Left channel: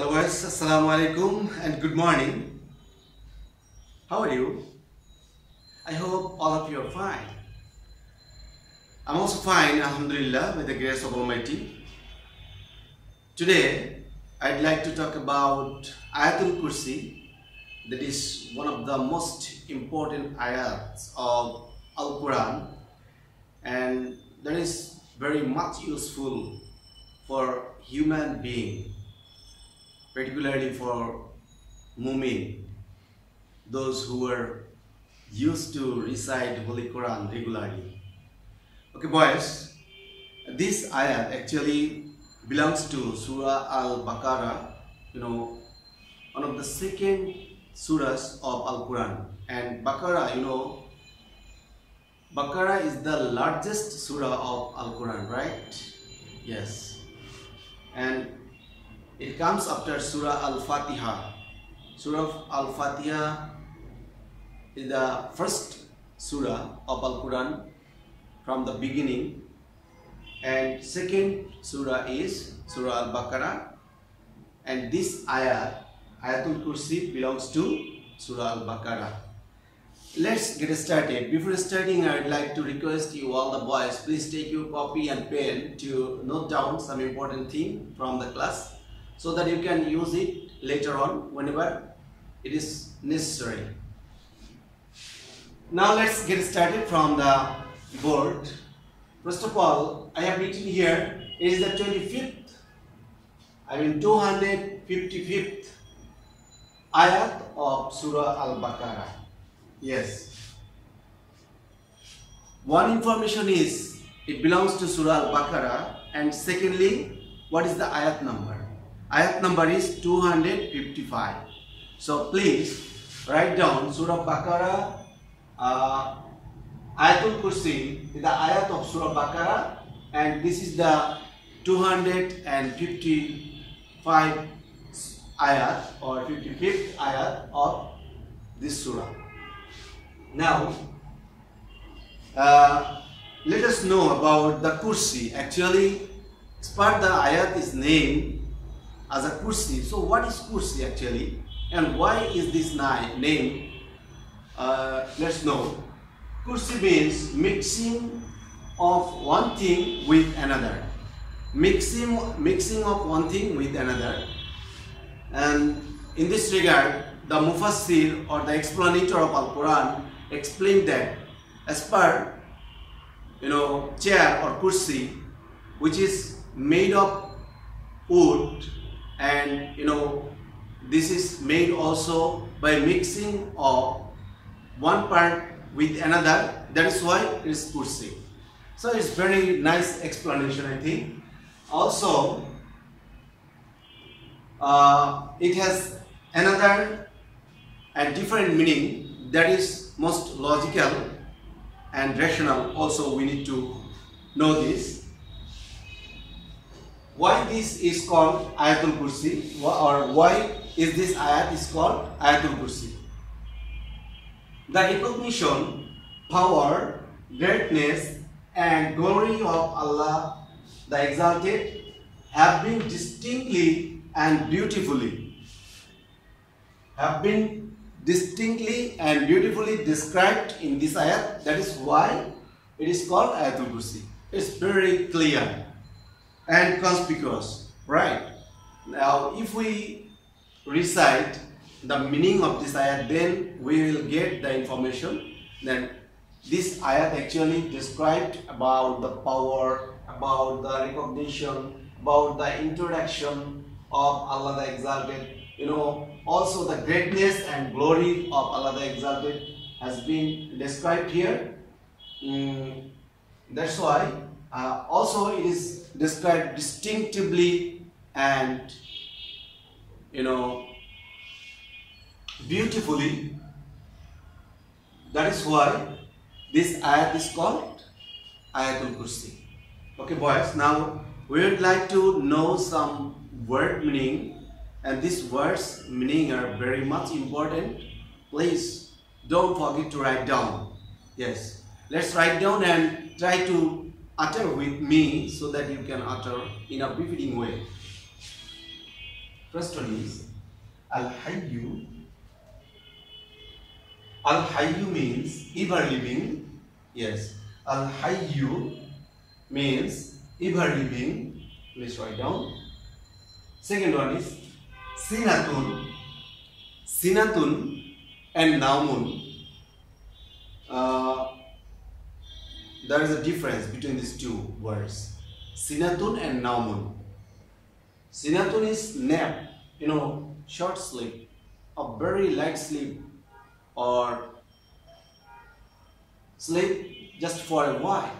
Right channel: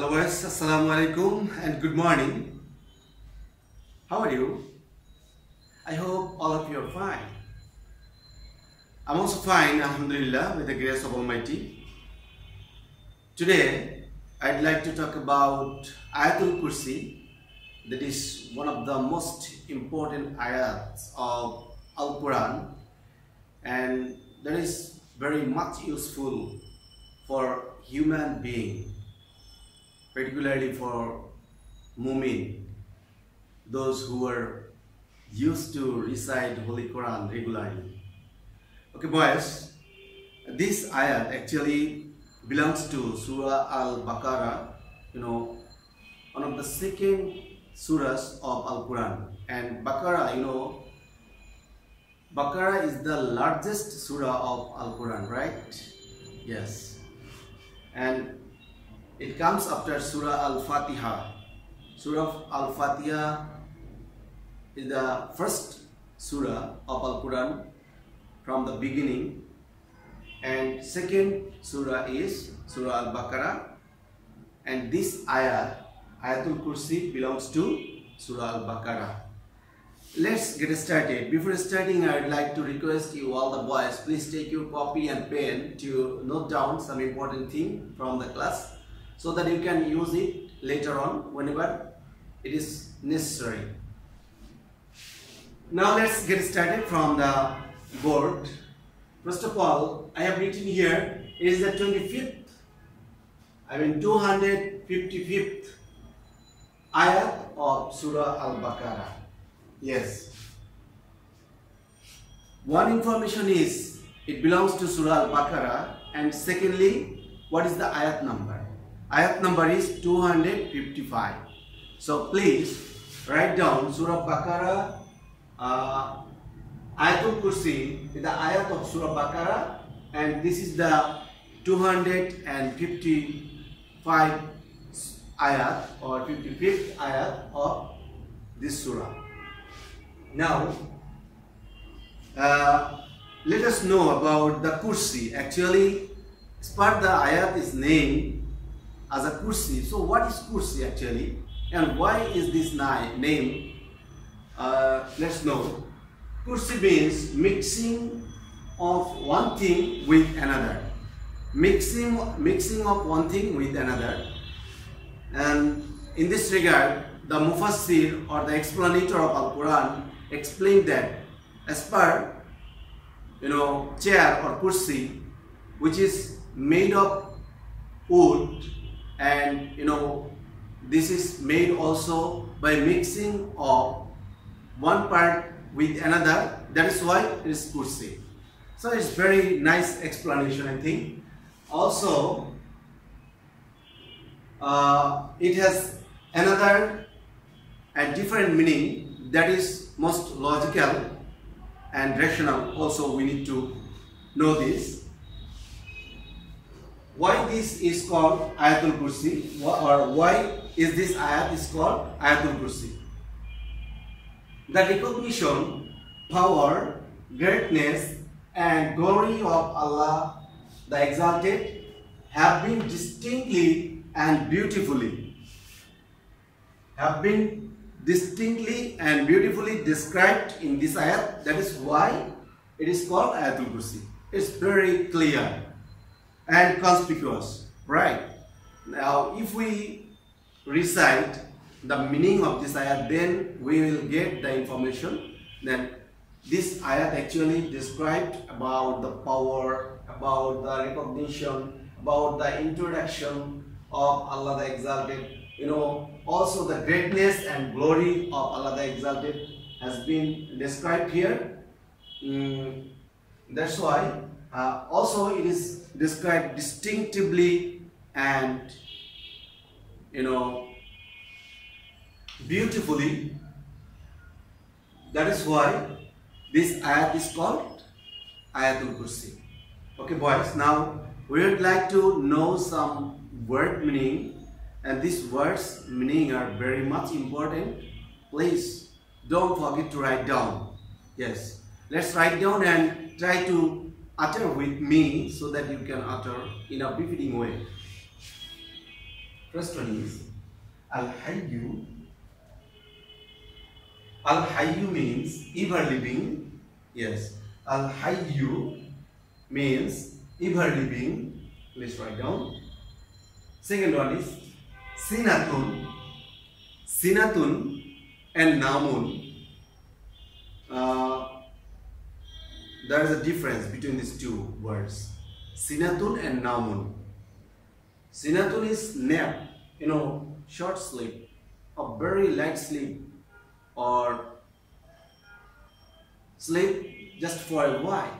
Hello guys, Assalamu alaikum and good morning. How are you? I hope all of you are fine. I'm also fine, Alhamdulillah, with the grace of Almighty. Today, I'd like to talk about Ayatul Kursi. That is one of the most important ayats of Al-Quran, and that is very much useful for human being, particularly for mu'min, those who are used to recite Holy Quran regularly. Okay boys, this ayat actually belongs to Surah Al-Baqarah, one of the second surahs of Al-Quran. And Baqarah, Baqarah is the largest surah of Al-Quran, right? Yes. And it comes after Surah Al-Fatiha. Surah Al-Fatiha is the first surah of Al-Quran from the beginning, and second surah is Surah Al-Baqarah, and this ayat, Ayatul Kursi, belongs to Surah Al-Baqarah. Let's get started. Before starting, I'd like to request you all the boys, please take your copy and pen to note down some important thing from the class, so that you can use it later on whenever it is necessary. Now let's get started from the board. First of all, I have written here, it is the 255th ayat of Surah Al-Baqarah. Yes. One information is, it belongs to Surah Al-Baqarah, and secondly, what is the ayat number? Ayat number is 255. So please write down Surah Baqarah, Ayatul Kursi is the ayat of Surah Baqarah, and this is the 255 ayat or 55th ayat of this surah. Now let us know about the Kursi. Actually, as part the ayat is named as a Kursi. So what is Kursi actually, and why is this name? Let's know. Kursi means mixing of one thing with another. Mixing of one thing with another. And in this regard, the Mufassir or the explanator of Al-Quran explained that as per chair or kursi, which is made of wood, and this is made also by mixing of one part with another, that is why it is kursi. So it's very nice explanation, I think. Also it has another and different meaning that is most logical and rational. Also we need to know this. Why this is called Ayatul Kursi, or why is this ayat is called Ayatul Kursi? The recognition, power, greatness and glory of Allah the Exalted have been distinctly and beautifully described in this ayat. That is why it is called Ayatul Kursi. It's very clear and conspicuous, right? Now if we recite the meaning of this ayat, then we will get the information that this ayat actually described about the power, about the recognition, about the introduction of Allah the Exalted. Also the greatness and glory of Allah the Exalted has been described here. That's why also it is described distinctively and beautifully. That is why this ayat is called Ayatul Kursi. Okay boys, now we would like to know some word meaning, and these words meaning are very much important. Please don't forget to write down. Yes, let's write down and try to utter with me so that you can utter in a befitting way. First one is Al-Hayyu. Al-Hayyu means ever living. Yes, Al-Hayyu means ever living. Let's write down. Second one is Sinatun. Sinatun and Naumun. There is a difference between these two words. Sinatun and Naumun. Sinatun is nap, short sleep, a very light sleep, or sleep just for a while.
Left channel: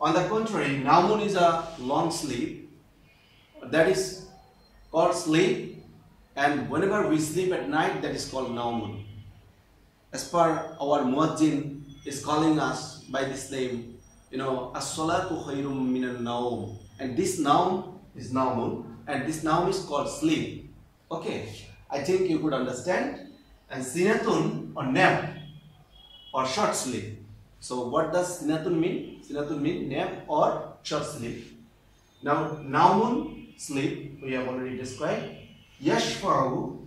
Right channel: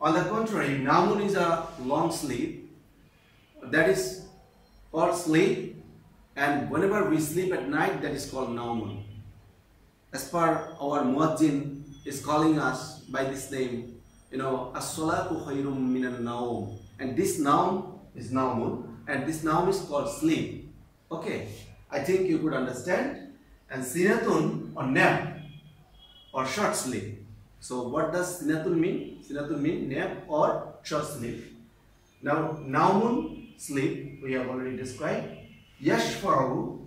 On the contrary, Naumun is a long sleep, that is called sleep, and whenever we sleep at night, that is called Naumun. As per our Muazzin is calling us by this name, As-salatu khairum minan naum, and this naum is Naumun, and this naum is called sleep. Okay, I think you could understand. And Sinatun or nap or short sleep. So what does Sinatun mean? Sinatun means nap or short sleep. Now Naumun, sleep, we have already described. Yashfa'u.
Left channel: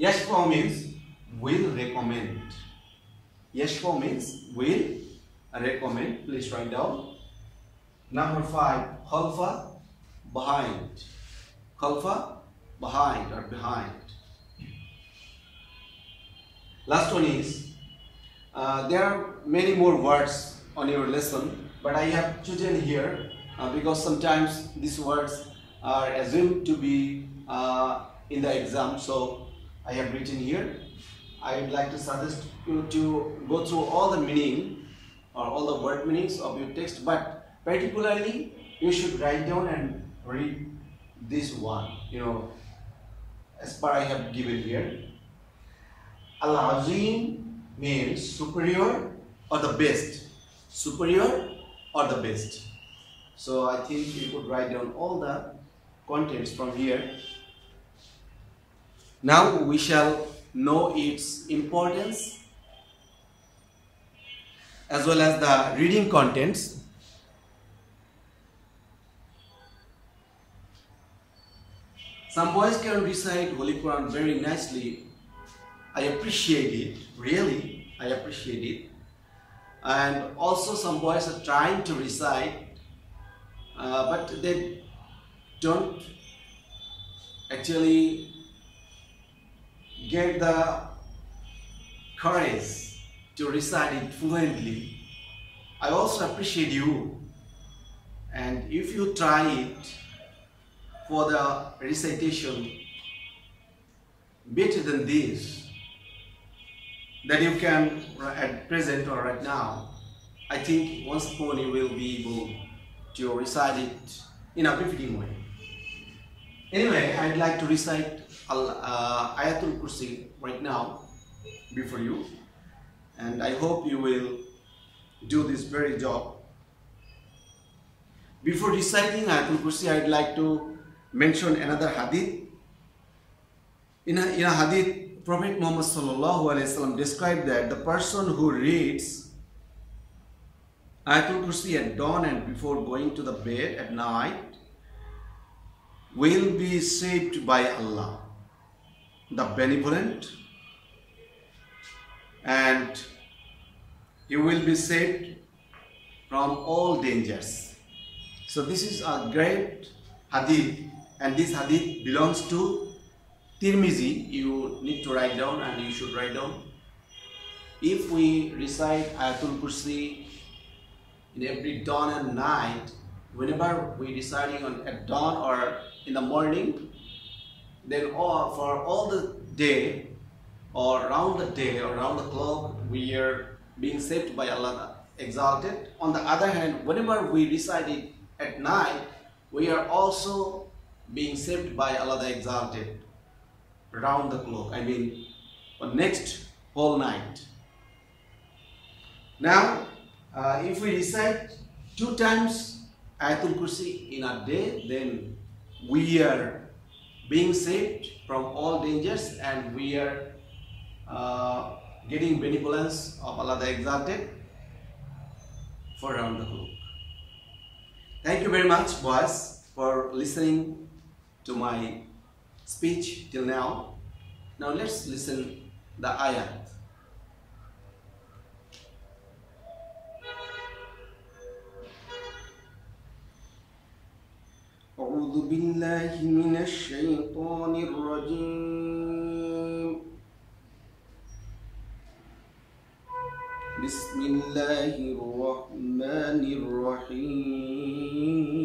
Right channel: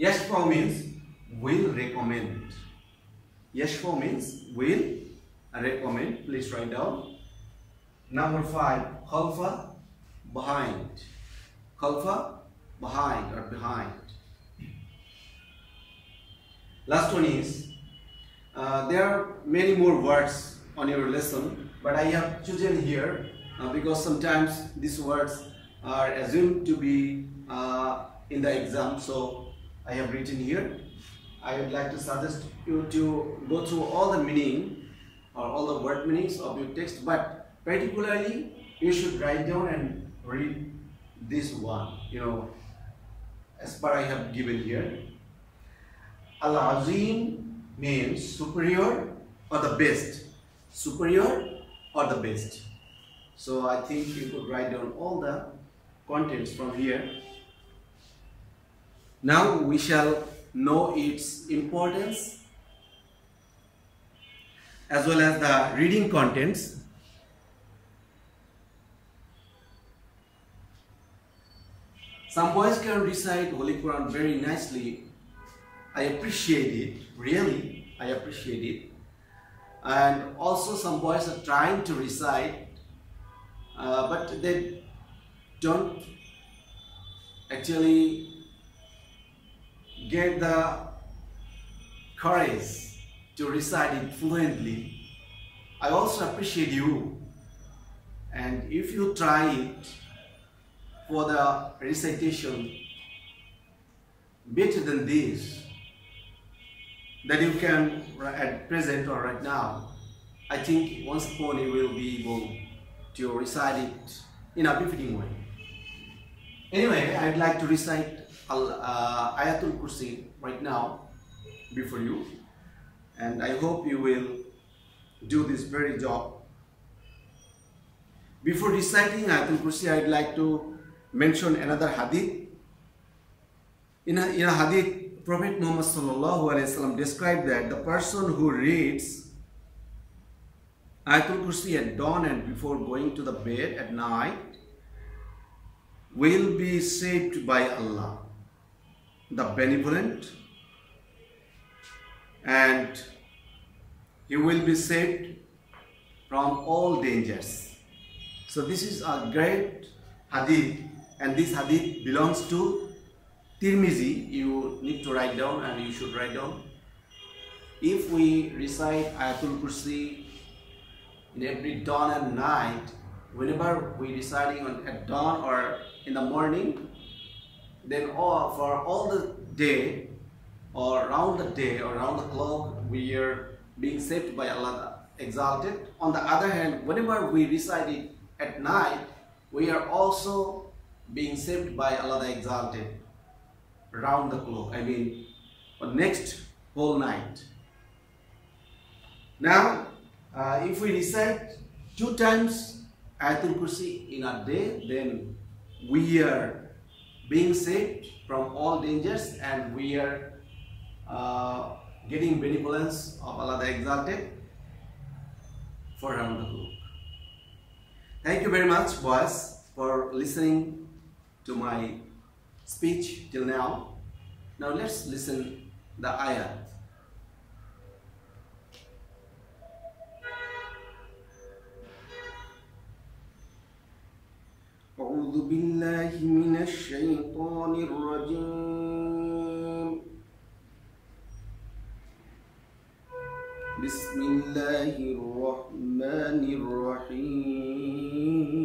Yashfa'u means will recommend. Yashfa'u means will recommend. Please write down. Number 5, Khalfa, behind. Khalfa, behind or behind. Last one is, there are many more words on your lesson, but I have chosen here because sometimes these words are assumed to be in the exam, so I have written here. I would like to suggest you to go through all the meaning or all the word meanings of your text, but particularly you should write down and read this one, as per I have given here. Al-Azim means superior or the best. Superior or the best. So I think you could write down all the contents from here. Now we shall know its importance as well as the reading contents. Some boys can recite Holy Quran very nicely. I appreciate it, really, I appreciate it. And also some boys are trying to recite, but they don't actually get the courage to recite it fluently. I also appreciate you, and if you try it for the recitation better than this, that you can at present or right now, I think once upon you will be able to recite it in a befitting way. Anyway, I'd like to recite Ayatul Kursi right now before you, and I hope you will do this very job. Before reciting Ayatul Kursi, I'd like to mention another hadith. In a hadith, Prophet Muhammad sallallahu alaihi wasallam described that the person who reads Ayatul Kursi at dawn and before going to the bed at night will be saved by Allah, the benevolent, and he will be saved from all dangers. So this is a great hadith, and this hadith belongs to Tirmizi. You need to write down, and you should write down. If we recite Ayatul Kursi in every dawn and night, whenever we reciting at dawn or in the morning, then for all the day or around the day or around the clock, we are being saved by Allah Exalted. On the other hand, whenever we recite it at night, we are also being saved by Allah the Exalted round the clock, I mean for next whole night. Now if we recite 2 times Ayatul Kursi in a day, then we are being saved from all dangers, and we are getting benevolence of Allah the Exalted for round the clock. Thank you very much, boys. for listening to my speech till now. Now let's listen the ayat. أعوذ بالله من الشيطان الرجيم. بسم الله الرحمن الرحيم.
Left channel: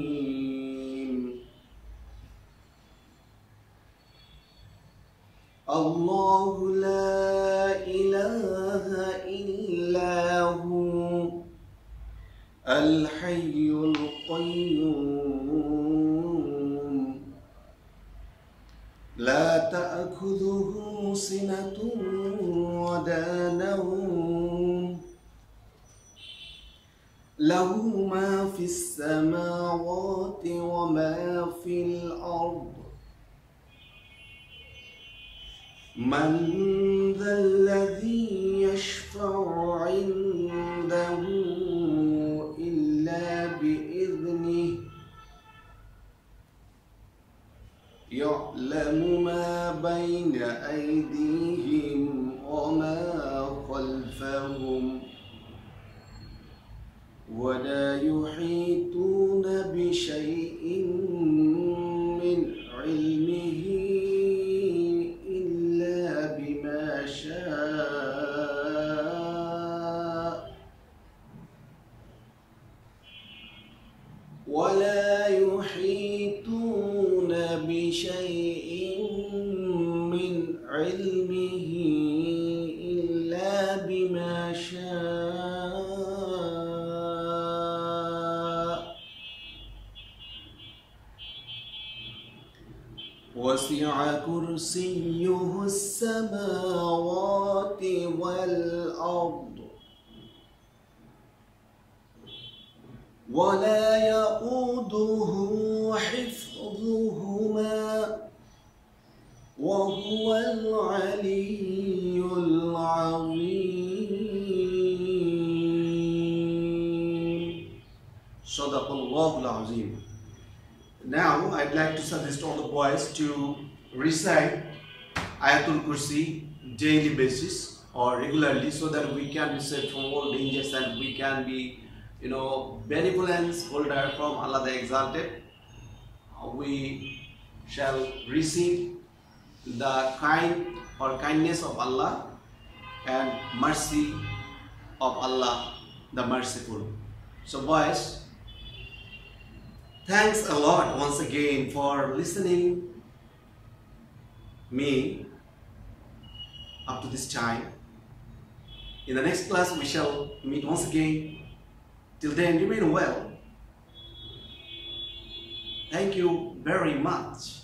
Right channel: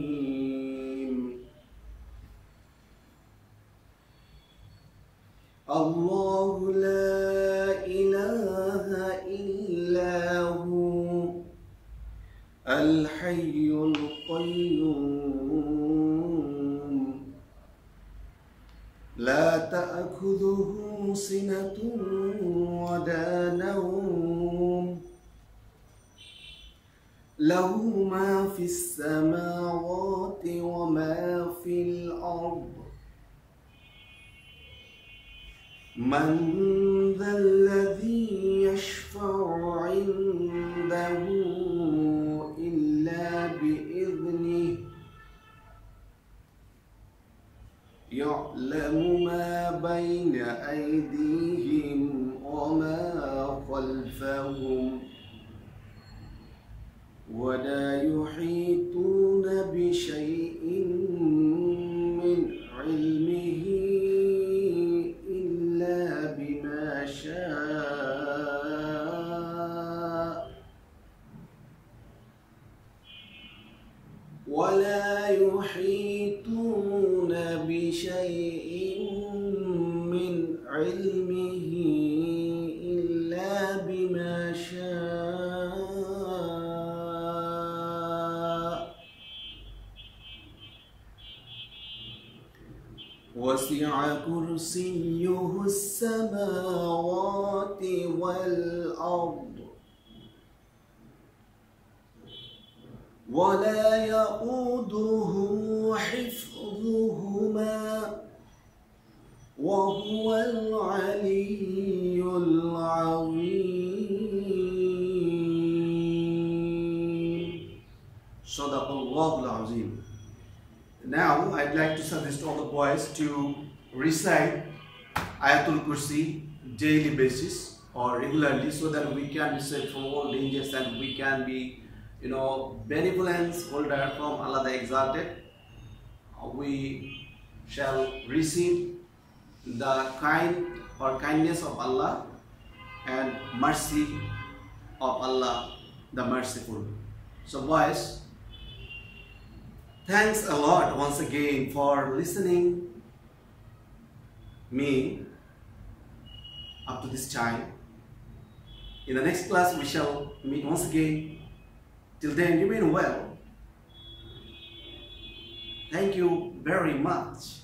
الله لا إله إلا هو الحي القيوم لا تأخذه سنة ولا نوم له ما في السماوات وما في الأرض من ذا الذي يشفع عنده إلا بإذنه يعلم ما بين أيديهم وما خلفهم ولا يحيطون بشيء من علمه إلا بما شاء ولا يحيطون بشيء من علمه إلا بما شاء وسع كرسيه السماوات والأرض ولا يؤوده حفظهما وهو العلي العظيم. صدق الله العظيم. Now I'd like to suggest all the boys to recite Ayatul Kursi daily basis or regularly, so that we can be saved from all dangers and we can be, benevolence holder from Allah the Exalted. We shall receive the kindness of Allah and mercy of Allah the Merciful. So boys, thanks a lot once again for listening me up to this time. In the next class we shall meet once again. Till then, remain well. Thank you very much.